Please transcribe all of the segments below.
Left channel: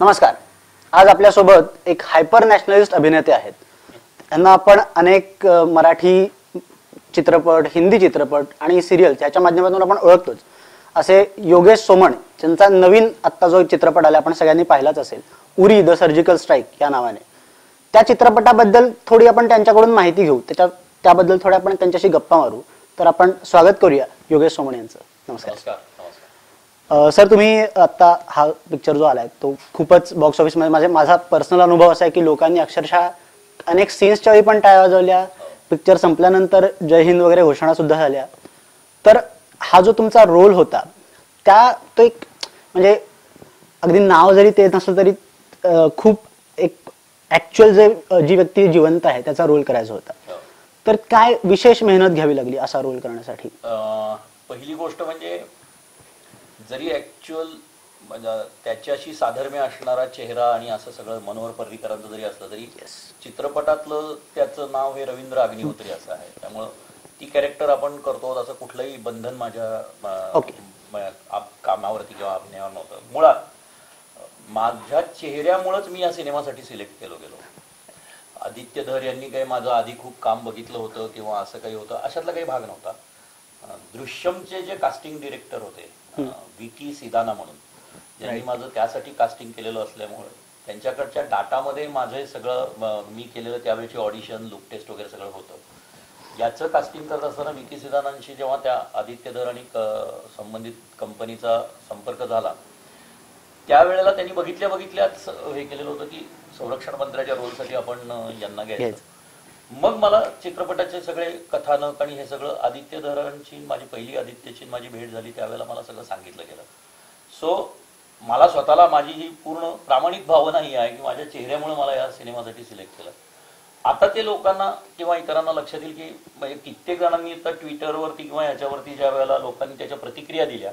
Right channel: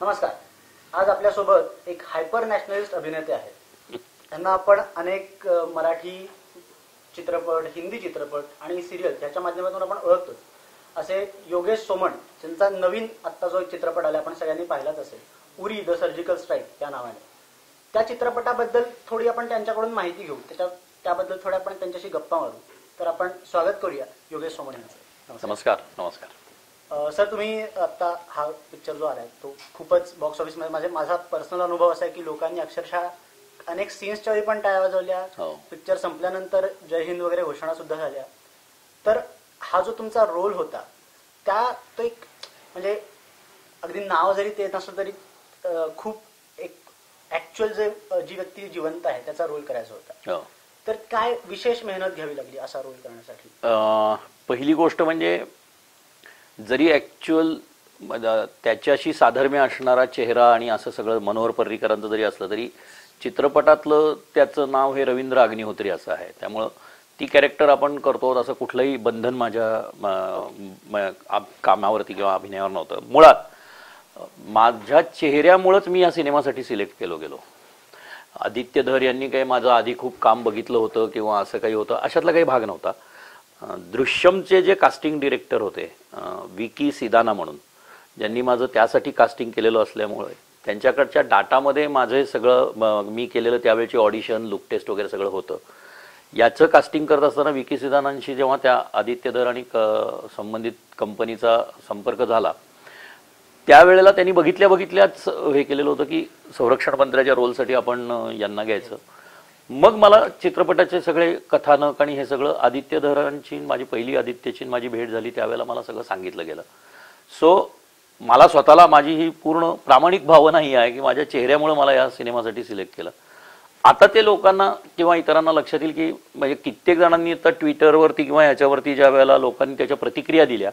नमस्कार. आज आपल्यासोबत एक हायपर नॅशनलिस्ट अभिनेते आहेत. त्यांना आपण अनेक मराठी चित्रपट, हिंदी चित्रपट आणि सिरियल याच्या माध्यमातून आपण ओळखतोच. असे योगेश सोमण ज्यांचा नवीन आत्ता जो चित्रपट आला आपण सगळ्यांनी पाहिलाच असेल, उरी द सर्जिकल स्ट्राईक या नावाने. त्या चित्रपटाबद्दल थोडी आपण त्यांच्याकडून माहिती घेऊ, त्याबद्दल थोडं आपण त्यांच्याशी गप्पा मारू. तर आपण स्वागत करूया योगेश सोमण यांचं. नमस्कार. नमस्कार. सर, तुम्ही आता हा पिक्चर जो आलाय तो खूपच बॉक्स ऑफिस मध्ये माझा पर्सनल अनुभव असा आहे की लोकांनी अक्षरशः अनेक सीन्सच्या वेळी पण टाळ्या वाजवल्या. पिक्चर संपल्यानंतर जय हिंद वगैरे घोषणा सुद्धा झाल्या. तर हा जो तुमचा रोल होता तो एक म्हणजे अगदी नाव जरी ते नसलं तरी खूप एक ऍक्च्युअल जी व्यक्ती जिवंत आहे त्याचा रोल करायचा होता. तर काय विशेष मेहनत घ्यावी लागली असा रोल करण्यासाठी? पहिली गोष्ट म्हणजे जरी ऍक्च्युअल त्याच्याशी साधर्म्य असणारा चेहरा आणि असं सगळं मनोहर पर्रीकरांचं जरी असलं तरी चित्रपटातलं त्याचं नाव हे रवींद्र अग्निहोत्री असं आहे. त्यामुळं ती कॅरेक्टर आपण करतो असं कुठलंही बंधन माझ्या कामावरती किंवा अभिनयावर नव्हतं. मुळात माझ्या चेहऱ्यामुळेच मी या सिनेमासाठी सिलेक्ट गेलो. आदित्य धर यांनी काही माझं आधी खूप काम बघितलं होतं किंवा असं काही होतं अशातला काही भाग नव्हता. दृश्यमचे जे कास्टिंग डिरेक्टर होते विकी सिदाना म्हणून, ज्यांनी माझं त्यासाठी कास्टिंग केलेलं असल्यामुळे त्यांच्याकडच्या डाटामध्ये माझे सगळं मी केलेलं त्यावेळेची ऑडिशन, लुक टेस्ट वगैरे सगळं होतं. याचं कास्टिंग करत असताना विकी सिदानांशी जेव्हा त्या आदित्य धर आणि संबंधित कंपनीचा संपर्क झाला त्यावेळेला त्यांनी बघितल्याच हे केलेलं होतं की संरक्षण मंत्र्याच्या रोलसाठी आपण यांना घ्यायचं. मग मला चित्रपटाचे सगळे कथानक आणि हे सगळं आदित्य धरांची माझी पहिली आदित्यची माझी भेट झाली त्यावेळेला मला सगळं सांगितलं गेलं. सो मला स्वतःला माझी ही पूर्ण प्रामाणिक भावना ही आहे की माझ्या चेहऱ्यामुळे मला या सिनेमासाठी सिलेक्ट केलं. आता ते लोकांना किंवा इतरांना लक्षात येईल की म्हणजे कित्येक जणांनी आता ट्विटरवरती किंवा ह्याच्यावरती ज्या वेळेला लोकांनी त्याच्या प्रतिक्रिया दिल्या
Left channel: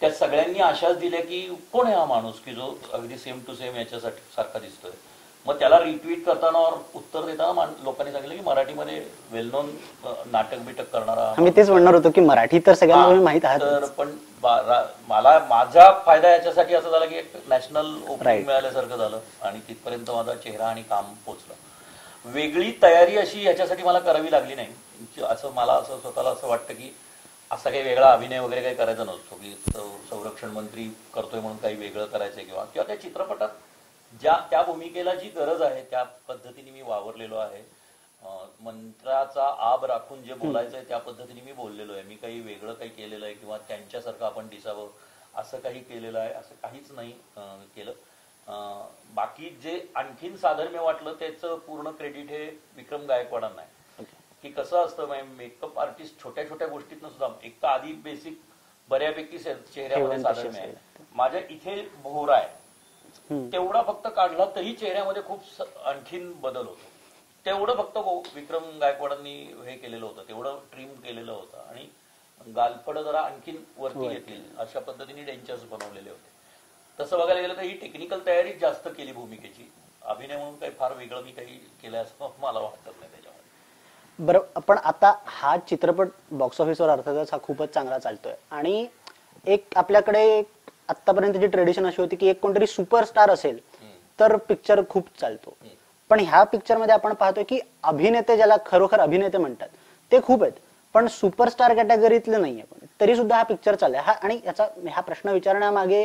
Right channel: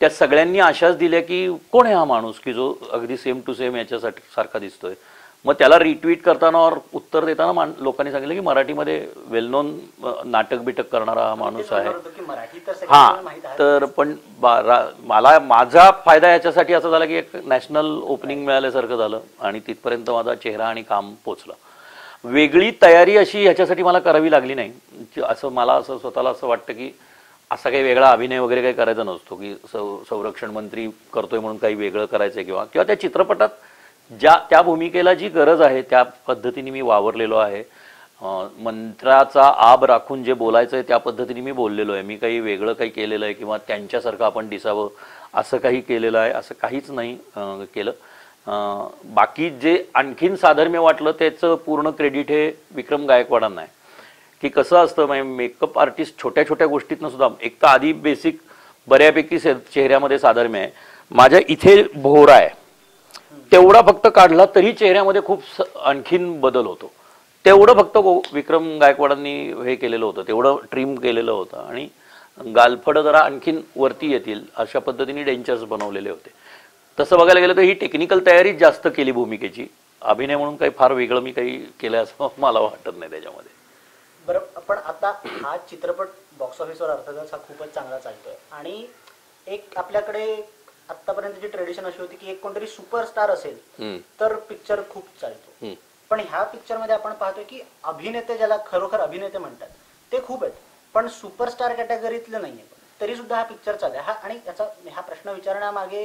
त्या सगळ्यांनी आशाच दिल्या की कोण आहे हा माणूस की जो अगदी सेम टू सेम याच्यासाठी सारखा दिसतोय. मग त्याला रिट्वीट करताना और उत्तर देताना लोकांनी सांगितलं की मराठीमध्ये वेल नोन नाटक बिटक करणारा. मी तेच म्हणणार होतो की मराठी तर सगळ्यांना माहित आहे. तर पण मला माझा फायदा याच्यासाठी असा झाला की एक नॅशनल ओपनिंग मिळाल्यासारखं झालं आणि तिथपर्यंत माझा चेहरा आणि काम पोचलं. वेगळी तयारी अशी ह्याच्यासाठी मला करावी लागली नाही. असं मला असं स्वतःला असं वाटतं की असा काही वेगळा अभिनय वगैरे काही करायचा नसतो की संरक्षण मंत्री करतोय म्हणून काही वेगळं करायचंय किंवा त्या चित्रपटात त्या भूमिकेला जी गरज आहे त्या पद्धतीने मी वावरलेलो आहे. मंत्राचा आब राखून जे बोलायचं आहे त्या पद्धतीने मी बोललेलो आहे. मी काही वेगळं काही केलेलं आहे किंवा त्यांच्यासारखं आपण दिसावं असं काही केलेलं आहे असं काहीच नाही केलं. बाकी जे आणखीन साधर्म्य वाटलं त्याचं पूर्ण क्रेडिट हे विक्रम गायकवाडांना आहे. की कसं असतं म्हणजे मेकअप आर्टिस्ट छोट्या छोट्या गोष्टीतनं सुद्धा एक तर आधी बेसिक बऱ्यापैकी चेहऱ्यामध्ये साधर्म्य आहे. माझ्या इथे भोवरा आहे तेवढा फक्त काढला तरी चेहऱ्यामध्ये खूप आणखीन बदल होतो. तेवढं फक्त विक्रम गायकवाडांनी हे केलेलं होतं, तेवढं ट्रिम केलेलं होतं आणि गालफडं जरा आणखीन वरती येतील अशा पद्धतीने डेंचर्स बनवलेले होते. तसं बघायला गेलं तर ही टेक्निकल तयारीच जास्त केली भूमिकेची. अभिनय म्हणून काही फार वेगळं मी काही केलं असं मला वाटत नाही त्याच्यामध्ये. बरं, पण आता हा चित्रपट बॉक्स ऑफिसवर अर्थातच हा खूपच चांगला चालतोय आणि एक आपल्याकडे आतापर्यंतची ट्रेडिशन अशी होती की एक कोणतरी सुपरस्टार असेल तर पिक्चर खूप चालतो. पण ह्या पिक्चर मध्ये आपण पाहतोय की अभिनेते ज्याला खरोखर अभिनेते म्हणतात ते खूप आहेत पण सुपरस्टार कॅटेगरीतले नाहीये. पण तरी सुद्धा हा पिक्चर चाललाय. आणि हा प्रश्न विचारण्यामागे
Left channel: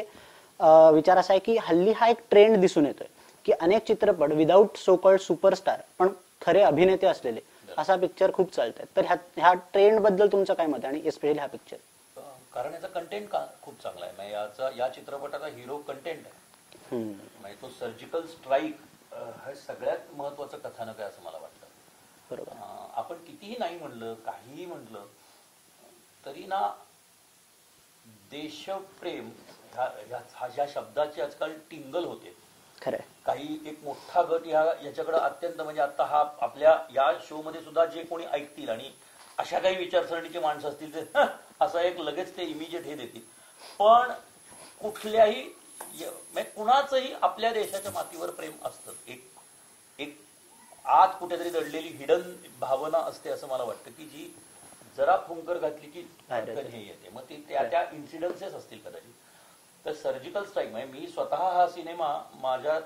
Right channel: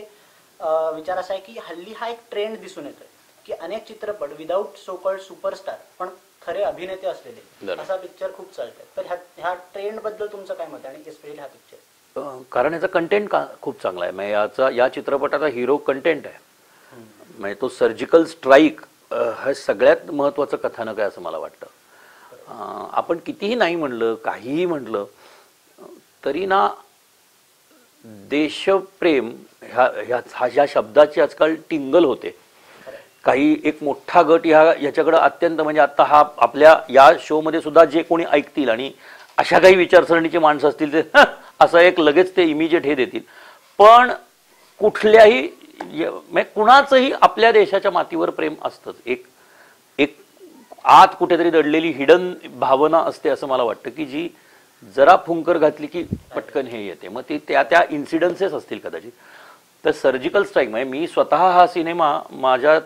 विचार असा आहे की हल्ली हा एक ट्रेंड दिसून येतोय की अनेक चित्रपट विदाऊट सो कॉल्ड सुपरस्टार पण खरे अभिनेते असलेले असा पिक्चर खूप चालतात. तर ह्या ट्रेंड बद्दल तुमचं काय मत आहे आणि स्पेशली हा पिक्चर? कारण याचा कंटेंट खूप चांगला आहे. म्हणजे या चित्रपटाचा हिरो कंटेंट आहे. म्हणजे तो सर्जिकल स्ट्राईक हे सगळ्यात महत्वाचं कथानक आहे असं मला वाटतं. आपण कितीही नाही म्हणलं काहीही म्हणलं तरी ना देशप्रेम ह्या शब्दाची आजकाल टिंगल होते. काही एक मोठा गट याच्याकडे अत्यंत म्हणजे आता हा आपल्या या शो मध्ये सुद्धा जे कोणी ऐकतील आणि अशा काही विचारसरणीची माणसं असतील ते असं एक लगेच ते इमिजिएट हे देतील. पण कुठल्याही कुणाचंही आपल्या देशाच्या मातीवर प्रेम असतंच. एक आत कुठेतरी दडलेली हिडन भावना असते असं मला वाटतं की जी जरा फुंकर घातली की पटकन हे येते. मग ती त्या इन्सिडन्सेस असतील कदाचित. तर सर्जिकल स्ट्राईक म्हणजे मी स्वतः हा सिनेमा माझ्या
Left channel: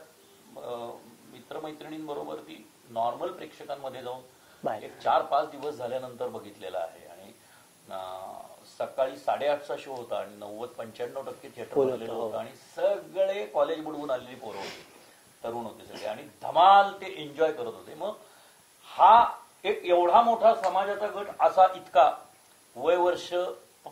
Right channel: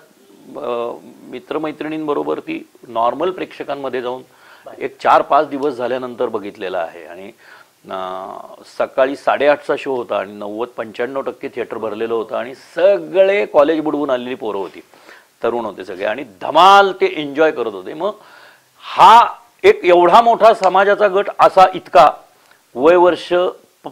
मित्रमैत्रिणींबरोबर ती नॉर्मल प्रेक्षकांमध्ये जाऊन एक 4-5 दिवस झाल्यानंतर बघितलेला आहे आणि सकाळी 8:30चा शो होता आणि 90-95% थिएटर भरलेलं होतं आणि सगळे कॉलेज बुडवून आलेली पोरं होती, तरुण होते सगळे आणि धमाल ते एन्जॉय करत होते. मग हा एक एवढा मोठा समाजाचा गट असा इतका वय वर्ष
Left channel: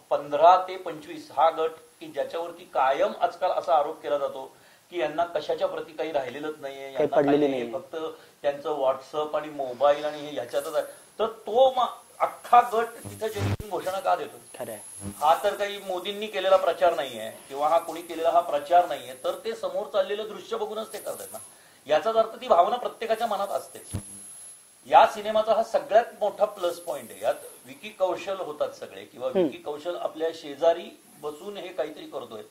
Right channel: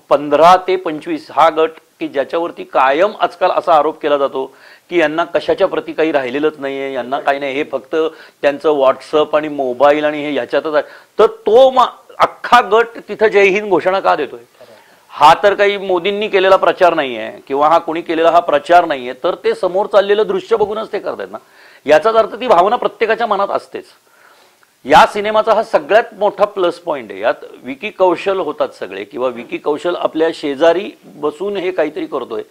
15 ते 25 हा गट की ज्याच्यावरती कायम आजकाल असा आरोप केला जातो की यांना कशाच्या प्रती काही राहिलेलंच नाहीये, यांना काही नाही, हे फक्त त्यांचं व्हॉट्सअप आणि मोबाईल आणि हे ह्याच्यातच आहे. तर तो अख्खा गट तिथं जय हिंद घोषणा का देतोय? हा तर काही मोदींनी केलेला प्रचार नाहीये किंवा हा कोणी केलेला हा प्रचार नाहीये, तर ते समोर चाललेलं दृश्य बघूनच ते करतायत ना. याचाच अर्थ ती भावना प्रत्येकाच्या मनात असतेच. या सिनेमाचा हा सगळ्यात मोठा प्लस पॉइंट आहे. यात विकी कौशल होतात सगळे किंवा विकी कौशल आपल्या शेजारी बसून हे काहीतरी करतोय,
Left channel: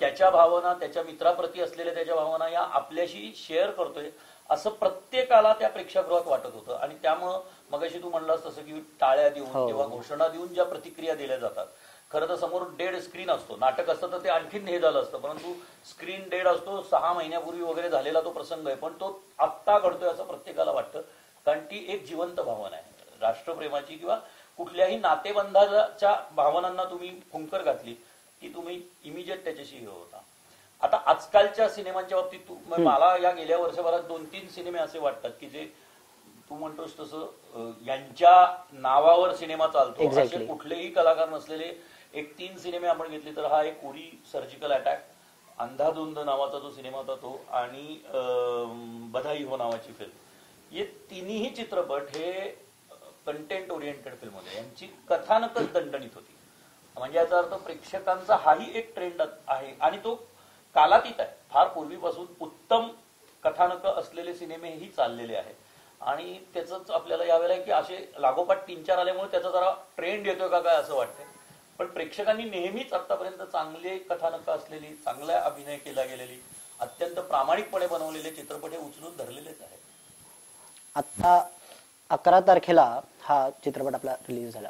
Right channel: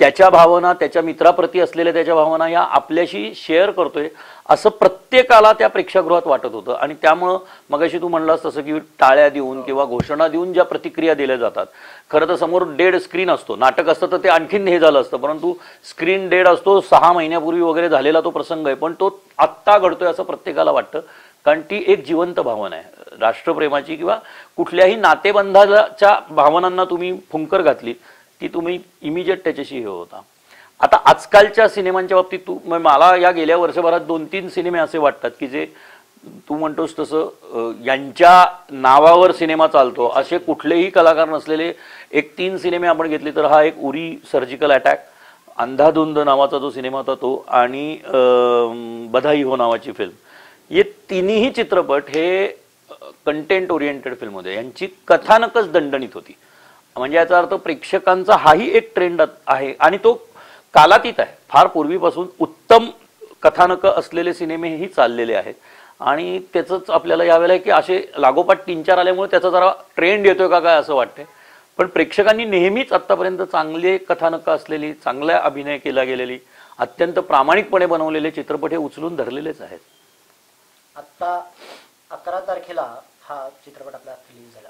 त्याच्या भावना, त्याच्या मित्राप्रती असलेल्या त्याच्या भावना या आपल्याशी शेअर करतोय असं प्रत्येकाला त्या प्रेक्षागृहात वाटत होतं. आणि त्यामुळं मगाशी तू म्हणलास तसं की टाळ्या देऊन किंवा घोषणा देऊन ज्या प्रतिक्रिया दिल्या जातात, खरं तर समोर डेड स्क्रीन असतो. नाटक असतं तर ते आणखीन हे झालं असतं, परंतु स्क्रीन डेड असतो, 6 महिन्यापूर्वी वगैरे झालेला तो प्रसंग आहे, पण तो आत्ता घडतोय असं प्रत्येकाला वाटतं. कारण ती एक जिवंत भावना आहे राष्ट्रप्रेमाची किंवा कुठल्याही नातेबंधाच्या भावनांना तुम्ही फुंकर घातली की तुम्ही इमिजिएट त्याच्याशी हे होता. आता आजकालच्या सिनेमांच्या बाबतीत मला या गेल्या वर्षभरात 2-3 सिनेमे असे वाटतात की जे तू म्हणतोस तसं यांच्या नावावर सिनेमा चालतो असे कुठलेही कलाकार नसलेले एक 3 सिनेमे आपण घेतले तर हा एक उरी सर्जिकल अटॅक, अंधाधुंद नावाचा जो सिनेमा होता तो आणि बधाई हो नावाची फिल्म. हे तिन्ही चित्रपट हे कंटेंट ओरिएंटेड फिल्म होते. यांची कथानकच दणदणीत होती. म्हणजे याचा अर्थ प्रेक्षकांचा हाही एक ट्रेंड आहे आणि तो कालातीत आहे. फार पूर्वीपासून उत्तम कथानक असलेले सिनेमेही चाललेले आहेत आणि त्याचंच आपल्याला यावेळेला की असे लागोपाठ 3-4 आल्यामुळे त्याचा जरा ट्रेंड येतोय का काय असं वाटतंय. पण प्रेक्षकांनी नेहमीच आतापर्यंत चांगले कथानक असलेली, चांगला अभिनय केला गेलेली, अत्यंत प्रामाणिकपणे बनवलेले चित्रपट हे उचलून धरलेलेच आहेत. आता 11 तारखेला हा चित्रपट आपला रिलीज झाला.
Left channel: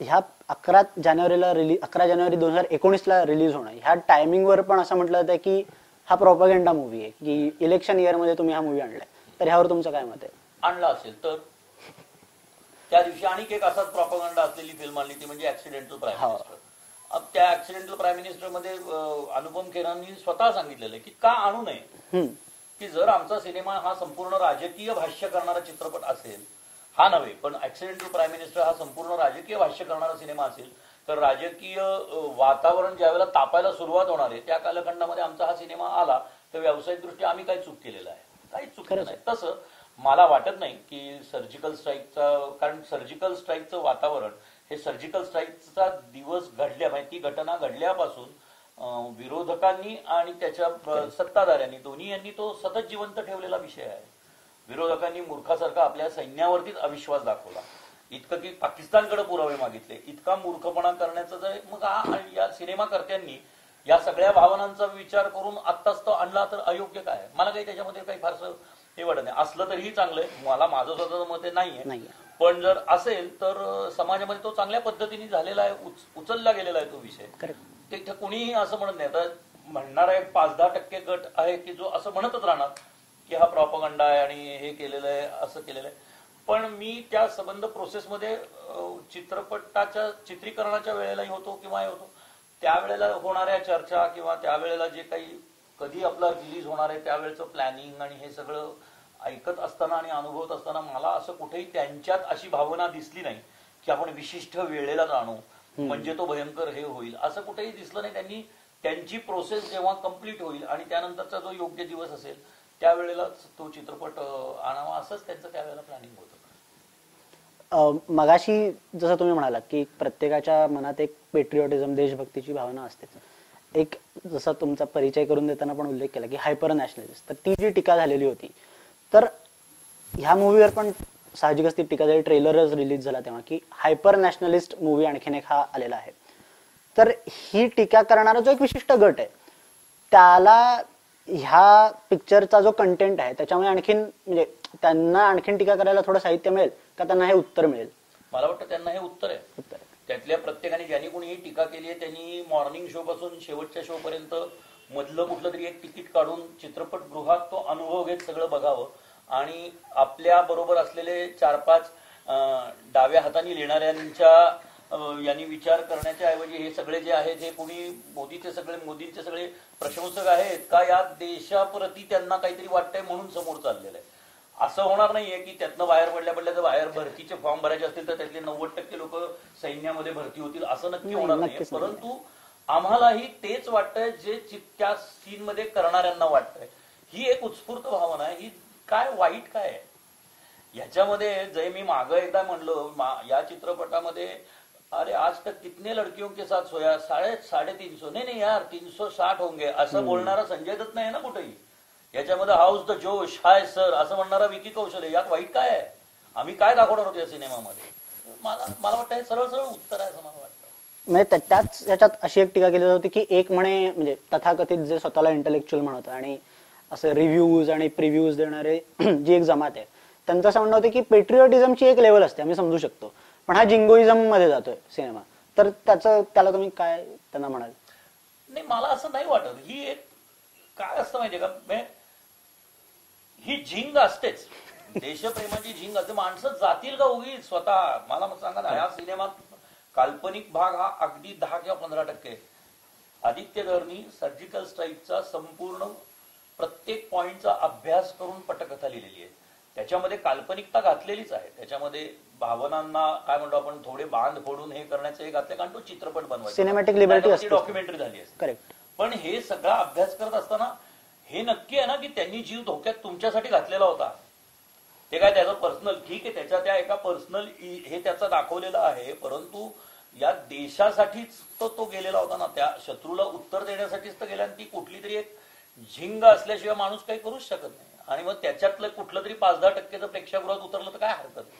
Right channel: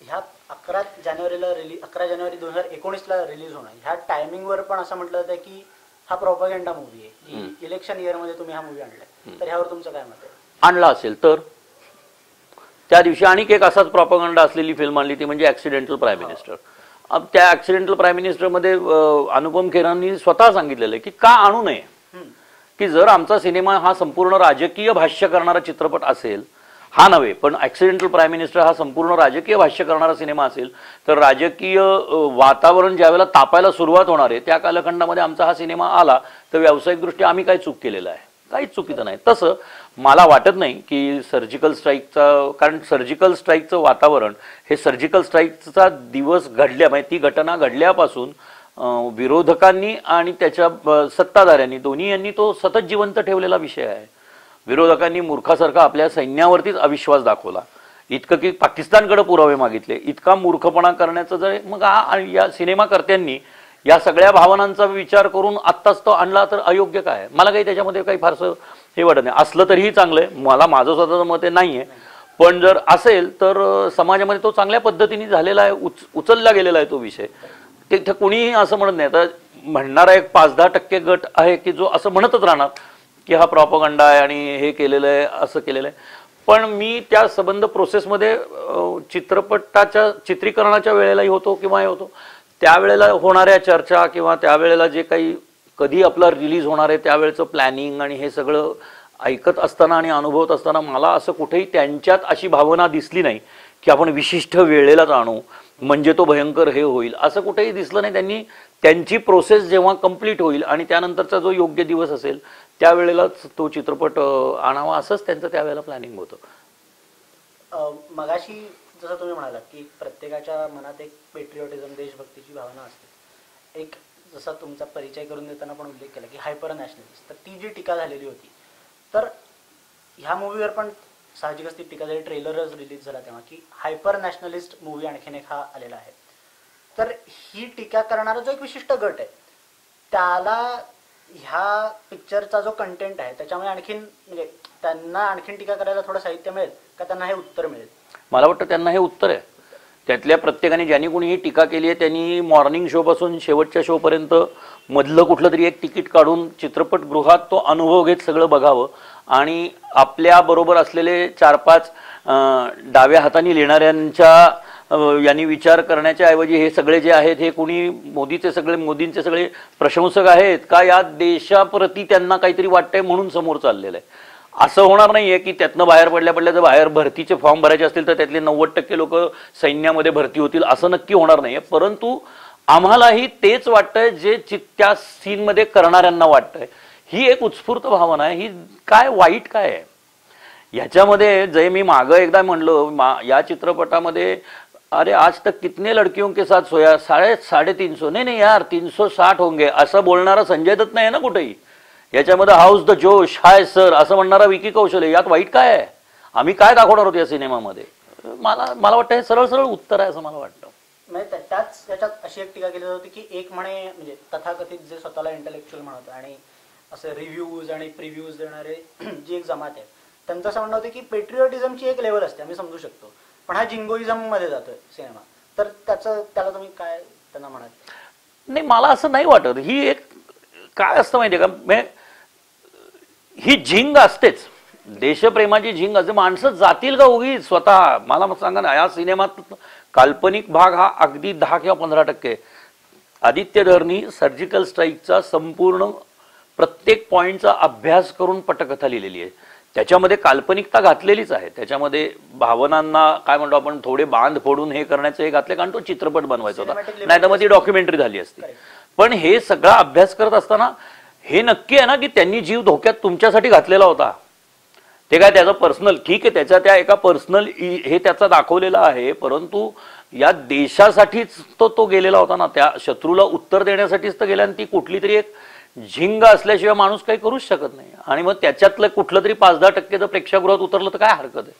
ह्या 11 जानेवारी 2019ला रिलीज होणं ह्या टायमिंगवर पण असं म्हटलं जातं की हा प्रोपगेंडा मूवी आहे की इलेक्शन इयर मध्ये तुम्ही हा मूवी आणलाय. तर ह्यावर तुमचं काय मत आहे? आणला असेल तर त्या दिवशी आणखी एक असाच प्रोपगेंडा असलेली फिल्म आणली ती म्हणजे ऍक्सिडेंटल प्राईम मिनिस्टर. त्या ऍक्सिडेंटल प्राईम मिनिस्टर मध्ये अनुपम खेरांनी स्वतः सांगितलेलं आहे की का आणू नये, की जर आमचा सिनेमा हा संपूर्ण राजकीय भाष्य करणारा चित्रपट असेल, हा नव्हे पण ऍक्सिडेंटल प्राईम मिनिस्टर हा संपूर्ण राजकीय भाष्य करणारा सिनेमा असेल, तर राजकीय वातावरण ज्यावेळेला तापायला सुरुवात होणार आहे त्या कालखंडामध्ये आमचा हा सिनेमा आला तर व्यावसायिकदृष्ट्या आम्ही काय चूक केलेलं आहे? काहीच चुकीचं नाही. तसं मला वाटत नाही की सर्जिकल स्ट्राईकचा, कारण सर्जिकल स्ट्राईकचं वातावरण हे सर्जिकल स्ट्राईकचा दिवस घडल्या म्हणजे ती घटना घडल्यापासून विरोधकांनी आणि त्याच्या सत्ताधाऱ्यांनी दोन्ही यांनी तो सतत जिवंत ठेवलेला विषय आहे. विरोधकांनी मूर्खासारखा आपल्या सैन्यावरतीच अविश्वास दाखवला, इतकं की पाकिस्तानकडे पुरावे मागितले, इतका मूर्खपणा करण्याचं जर मग या सिनेमाकर्त्यांनी या सगळ्या भावनांचा विचार करून आत्ताच तो आणला तर अयोग्य काय? मला काही त्याच्यामध्ये काही फारसं हे वाटत नाही. असलं तरीही चांगलंय, मला माझं स्वतःचं मत नाहीये, पण जर असेल तर समाजामध्ये तो चांगल्या पद्धतीने झालेला आहे, उचलला गेलेला आहे तो विषय. तिथे कोणीही असं म्हणत नाही. आता म्हणणारा एक 5-10% गट आहे की जो असं म्हणतच राहणार की हा प्रॉपगंडा आहे आणि हे केलेलं आहे, असं केलेलं आहे. पण मी त्या संबंध प्रोसेसमध्ये चित्रपटाच्या चित्रीकरणाच्या वेळेलाही होतो किंवा हे होतो, त्यावेळेला होणाऱ्या चर्चा किंवा त्यावेळेला जे काही कधी आपला रिलीज होणार आहे त्यावेळेचं प्लॅनिंग आणि हे सगळं ऐकत असताना आणि अनुभवत असताना मला असं कुठेही त्यांच्यात अशी भावना दिसली नाही की आपण विशिष्ट वेळेलाच आणू म्हणजे तो भयंकर हे होईल, असं कुठेही दिसलं नाही. त्यांनी त्यांची प्रोसेस जेव्हा कंप्लीट होईल आणि त्यानंतरचा जो योग्य दिवस असेल त्यावेळेलाच तो चित्रपट आणावा असंच त्यांचं त्यावेळेला प्लॅनिंग होतं. मगाशी जसं तुम्ही म्हणालात की प्रत्येकाच्या मनात एक पेट्रिओटिझम, देशभक्तीची भावना असते. एक जसा तुमचा परिचय करून देताना पण उल्लेख केला की हायपर नॅशनलिस्ट, तर ती जी टीका झालेली होती तर ह्या मूवीवर पण साहजिकच ती टीका झाली. ट्रेलरच रिलीज झाला तेव्हा की हायपर नॅशनलिस्ट मूवी आणखीन एक हा आलेला आहे. तर ही टीका करणारा जो एक विशिष्ट गट आहे त्याला ह्या पिक्चरचा जो कंटेंट आहे त्याच्यामुळे आणखीन म्हणजे त्यांना आणखीन टीका करायला थोडं साहित्य मिळेल का त्यांना हे उत्तर मिळेल? मला वाटतं त्यांना हे उत्तर आहे त्यातल्या प्रत्येकाने ज्यांनी कोणीही टीका केली आहे त्यांनी मॉर्निंग शो पासून शेवटच्या शो पर्यंत मधलं कुठलं तरी एक तिकीट काढून चित्रपटगृहात तो अनुभव घेत सगळं बघावं आणि आपल्या बरोबर असलेले 4-5 डाव्या हाताने लिहिणाऱ्यांच्या यांनी विचार करण्याच्या ऐवजी हे सगळे जे आहेत हे कोणी मोदींचे सगळे प्रशंसक आहेत का या देशाप्रती त्यांना काहीतरी वाटतंय म्हणून समोर चाललेलं आहे. असं होणार नाहीये की त्यातनं बाहेर पडल्या जर बाहेर भरतीचे फॉर्म भरायचे असतील तर त्यातले 90% लोक सैन्यामध्ये भरती होतील असं नक्की होणार नाहीये. परंतु आम्हालाही तेच वाटतंय जे त्या सीनमध्ये करणाऱ्यांना वाटतंय. ही एक उत्स्फूर्त भावना आहे. ही काय वाईट काय आहे याच्यामध्ये? जे मी मागं एकदा म्हणलं या चित्रपटामध्ये अरे आज तक कितने लड़कियों के साथ सोया 350 नहीं यार 360 होंगे असं बोलणारा संजय दत्त नाही ना कुठेही. याच्यामध्ये हाऊस द जोश हाय सर असं म्हणणारा विकी कौशल आहे. यात वाईट काय आहे? आम्ही काय दाखवणार होतो या सिनेमामध्ये? मला वाटतं हे सरळ सरळ उत्तर आहे असं मला वाटतं. म्हणजे त्याच याच्यात अशी एक टीका केली होती की एक म्हणे म्हणजे तथाकथित जे स्वतःला इंटेलेक्च्युअल म्हणत आणि असं रिव्ह्यूज आणि प्रिव्ह्यूज देणारे जी एक जमात आहे त्यांचं असं म्हणणं होतं की पेट्रिओटिझमची एक लेवल असते आम्ही समजू शकतो पण हा जिंगोइझम मध्ये जातोय सिनेमा. तर त्याला तुम्ही काय त्यांना म्हणाल? नाही मला असं नाही वाटत. ही एक काय असतं माहितीये का ही झिंग असतेच देशप्रेमाची झिंग असते. माणसं जातील का उगीच स्वतः? मला सांगा ना या सिनेमात काल्पनिक भाग हा अगदी 10 किंवा 15%. आदित्य धरनी सर्जिकल स्ट्राईकचा संपूर्ण प्रत्येक पॉइंटचा अभ्यास करून पटकथा लिहिलेली आहे. त्याच्यामध्ये काल्पनिकता घातलेलीच आहे. त्याच्यामध्ये भावनांना काय म्हणतो आपण थोडे बांध फोडून हे करण्याचं हे घातले कारण तो चित्रपट बनवायचा नाही तर ती डॉक्युमेंटरी झाली असते. पण हे सगळा अभ्यास करत असताना हे नक्की आहे ना की त्यांनी जीव धोक्यात तुमच्यासाठी घातलेला होता. ते काय त्याचं पर्सनल ठीक आहे त्याच्या त्या एका पर्सनल हे त्याचा दाखवलेला आहे परंतु या देशासाठीच तो गेलेला होता ना. त्या शत्रूला उत्तर देण्यासाठीच तर गेला आणि ती कुठली तरी एक झिंग असल्याशिवाय माणूस काही करूच शकत नाही. आणि मग त्याच्यातलं कुठलं तरी 5-10% जर प्रेक्षागृहात उतरलं तर काय हरकत आहे?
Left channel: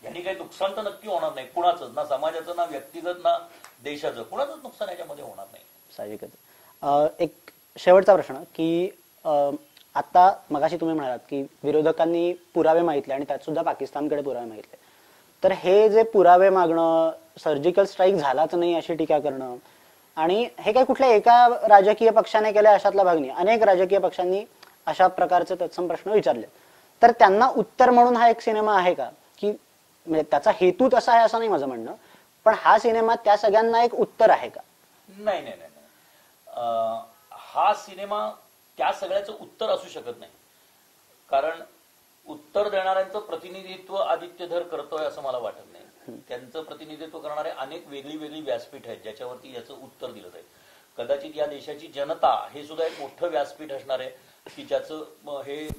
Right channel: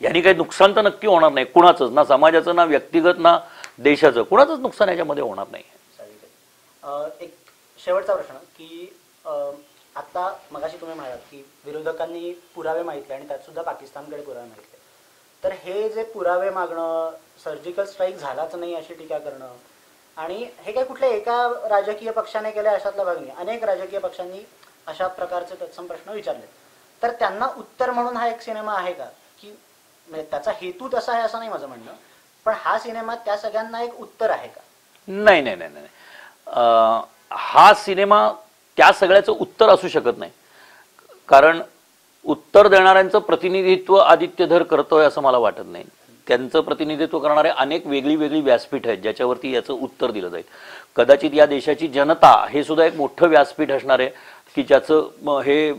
यांनी काही नुकसान तर नक्की होणार नाही कुणाचंच, ना समाजाचं ना व्यक्तिगत ना देशाचं कुणाचंच नुकसान याच्यामध्ये होणार नाही. साहजिकच. एक शेवटचा प्रश्न की आता मगाशी तुम्ही म्हणालात की विरोधकांनी पुरावे मागितले आणि त्यात सुद्धा पाकिस्तानकडे पुरावे मागितले. तर हे जे पुरावे मागणं सर्जिकल स्ट्राईक झालाच नाही अशी टीका करणं आणि हे काय कुठल्या एका राजकीय पक्षाने केलं अशातला भाग नाही. अनेक राजकीय पक्षांनी अशा प्रकारचे तत्सम प्रश्न विचारले. तर त्यांना उत्तर म्हणून हा एक सिनेमा आहे का? की म्हणजे त्याचा हेतू तसा आहे असं नाही माझं म्हणणं पण हा सिनेमा त्या सगळ्यांना एक उत्तर आहे का? नाही नाही नाही नाही. हा सिनेमा त्या सगळ्याचं उत्तर असू शकत नाही कारण उत्तर देणाऱ्यांचं प्रतिनिधित्व आदित्य धर करतोय असं मला वाटत नाही. त्यांचं प्रतिनिधित्व करणारे अनेक वेगळी व्यासपीठ आहेत ज्याच्यावरती याचं उत्तर दिलं जाईल. कदाचित या देशाची जनता हे सुद्धा एक मोठं व्यासपीठ असणार आहे की ज्याचं हे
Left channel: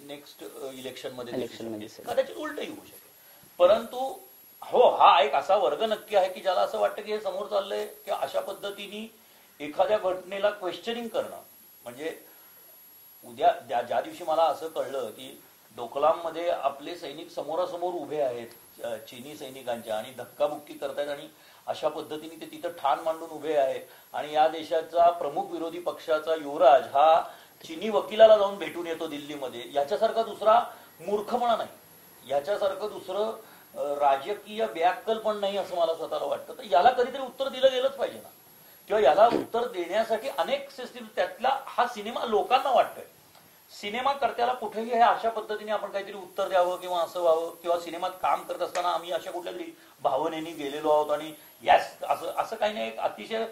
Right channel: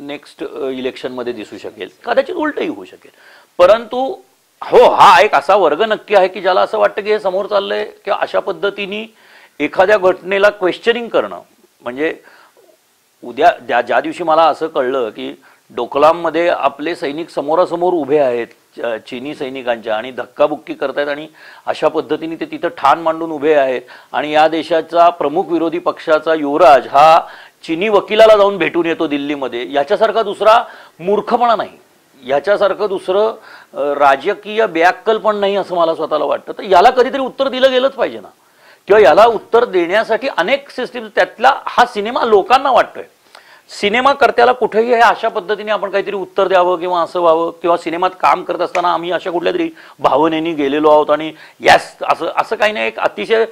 नेक्स्ट इलेक्शनमध्ये दिसू शकेल. कदाचित उलटही होऊ शकेल. परंतु हो हा एक असा वर्ग नक्की आहे की ज्याला असं वाटतं की हे समोर चाललंय किंवा अशा पद्धतीने एखाद्या घटनेला क्वेश्चनिंग करणं म्हणजे उद्या ज्या दिवशी मला असं कळलं की डोकलाममध्ये आपले सैनिक समोरासमोर उभे आहेत चीनी सैनिकांच्या आणि धक्काबुक्की करतायत आणि अशा पद्धतीने ते तिथं ठाण मांडून उभे आहेत आणि या देशाचा प्रमुख विरोधी पक्षाचा युवराज हा चीनी वकिलाला जाऊन भेटून येतो दिल्लीमध्ये. याच्यासारखा दुसरा मूर्खपणा नाही, याच्यासारखं दुसरं राजकीय बेअक्कल पण नाही असं मला स्वतःला वाटतं. तर याला कधीतरी उत्तर दिलं गेलंच पाहिजे ना किंवा याला उत्तर देण्यासाठी अनेक सिस्टीम त्यातला हा सिनेमा लोकांना वाटतोय. सिनेमा करत्याला कुठेही अशा पद्धतीने आपण काहीतरी उत्तर द्यावं किंवा असं व्हावं किंवा सिनेमात काम करत असताना आम्ही अशा कुठल्या तरी भावनेने गेलेलो आहोत आणि यस असं काही नाही. एक अतिशय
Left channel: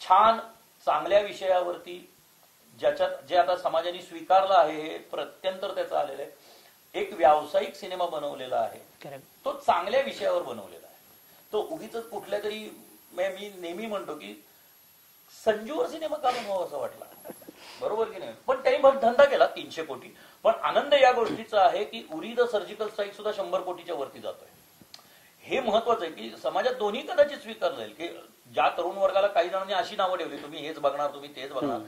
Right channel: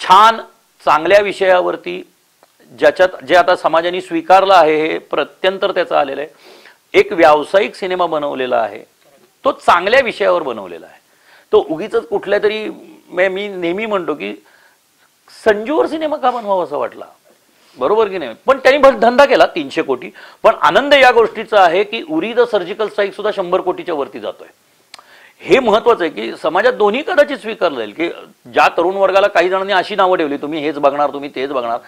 छान चांगल्या विषयावरती ज्याच्यात जे आता समाजाने स्वीकारलं आहे हे प्रत्यंतर त्याचं आलेलं आहे. एक व्यावसायिक सिनेमा बनवलेला आहे तो चांगल्या विषयावर बनवलेला आहे. तो उगीच कुठल्या तरी मी नेहमी म्हणतो की संजूवर सिनेमा का बनवावा असं वाटला बरोबर की नाही. पण त्यांनी धंदा केला 300 कोटी. पण आनंद या गोष्टीचा आहे की उरी द सर्जिकल स्ट्राईक सुद्धा 100 कोटीच्या वरती जातोय. हे महत्वाचं आहे की समाजात दोन्ही कदाचित स्वीकारलं जाईल की ज्या तरुण वर्गाला काही जणांनी अशी नावं ठेवली तुम्ही हेच बघणार तुम्ही तेच बघणार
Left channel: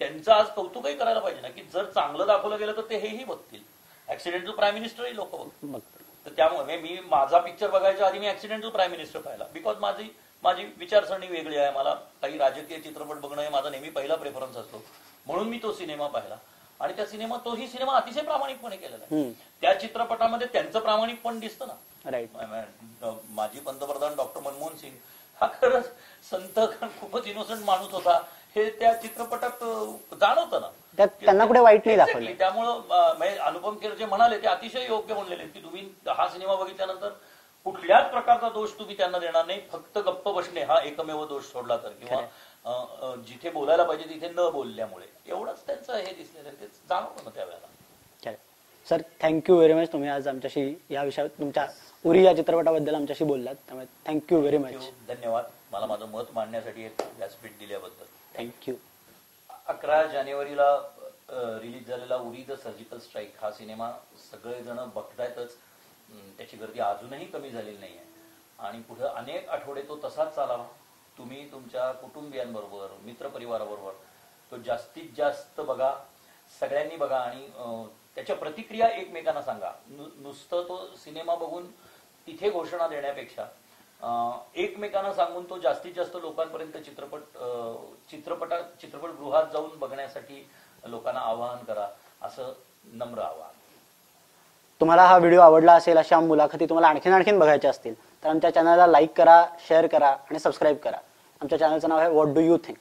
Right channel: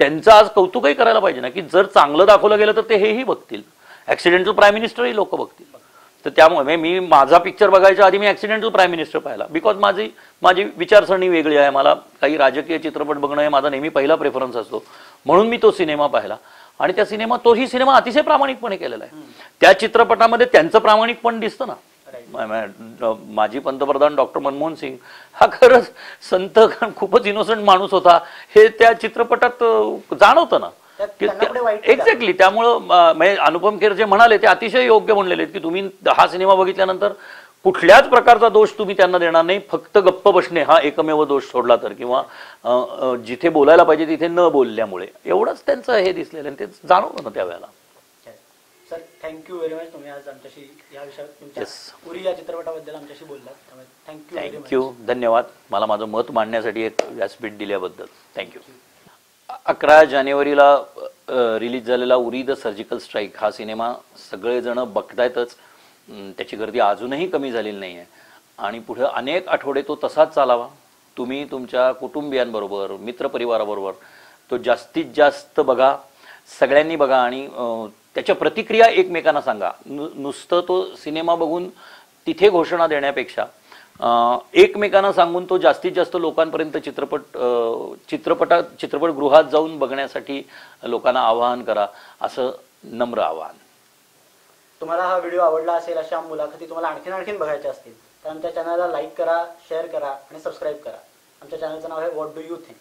त्यांचं आज कौतुकही करायला पाहिजे ना की जर चांगलं दाखवलं गेलं तर ते हेही बघतील. ऍक्सिडेंटल प्राईम मिनिस्टरही लोक बघतील. तर त्यामुळे मी माझा पिक्चर बघायच्या आधी मी ऍक्सिडेंटल प्राईम मिनिस्टर पाहिला बिकॉज माझी विचारसरणी वेगळी आहे. मला काही राजकीय चित्रपट बघणं हे माझा नेहमी पहिला प्रेफरन्स असतो म्हणून मी तो सिनेमा पाहिला आणि तोही सिनेमा अतिशय प्रामाणिकपणे केलेला आहे. त्या चित्रपटामध्ये त्यांचं प्रामाणिकपण दिसतं ना माजी पंतप्रधान डॉक्टर मनमोहन सिंग हा खरंच संत खूपच इनोसंट माणूस होता हे त्या चित्रपटात जाणवतं ना. एक्झॅक्टली. त्यामुळं म्हणजे अनुपम खेर जे म्हणाले ते अतिशय योग्य म्हणलेले की तुम्ही हा सिनेमा बघितल्यानंतर कुठल्याच प्रकारचा दोष तुम्ही त्यांना देणार नाही, फक्त गप्प बसणे हा एकमेव दोष सोडला तर, किंवा जिथे बोलायला पाहिजे तिथे न बोलल्यामुळे एवढंच त्यांचं हे दिसलेलं आणि ते जाणवलं ना त्यावेळेला. सर थँक्यू व्हेरी मच, तुम्ही आज आमच्याशी या विषयावर तुमच्या उरी या चित्रपटाबद्दल आमच्याशी बोललात, त्यामुळे थँक्यू व्हेरी मच. धन्यवाद मला माझं मत मांडण्यासाठी एक व्यासपीठ दिल्याबद्दल. थँक्यू. 11 जानेवारीला रिलीज झालेला उरी द सर्जिकल स्ट्राईक हा सिनेमा सगळेजण बघतायतच, त्याची गर्दी अजूनही कमी झालेली नाही आहे आणि पुढे अनेक आठवडे तो तसाच चालावा. तुम्ही तुमच्या कुटुंबियांबरोबर मित्रपरिवाराबरोबर तो जास्तीत जास्त बघा, सगळ्यांनी बघा आणि त्याच्या प्रतिक्रिया एकमेकांना सांगा. नुसतं तो सिनेमा बघून तिथे घोषणा देण्यापेक्षा एकमेकांना सांगून तो जास्तीत जास्त लोकांपर्यंत चित्रपटगृहात जाऊन बघण्यासाठी लोकांना आवाहन करा, असं नम्र आवाहन. तुम्हाला हा व्हिडिओ आवडला असेल, अशा मुलाखती तुम्हाला आणखीन बघायच्या असतील तर आमच्या चॅनलला लाईक करा, शेअर करा आणि सबस्क्राईब करा. आमच्या चॅनलचं नाव आहे व्हॉट डू यू थिंक.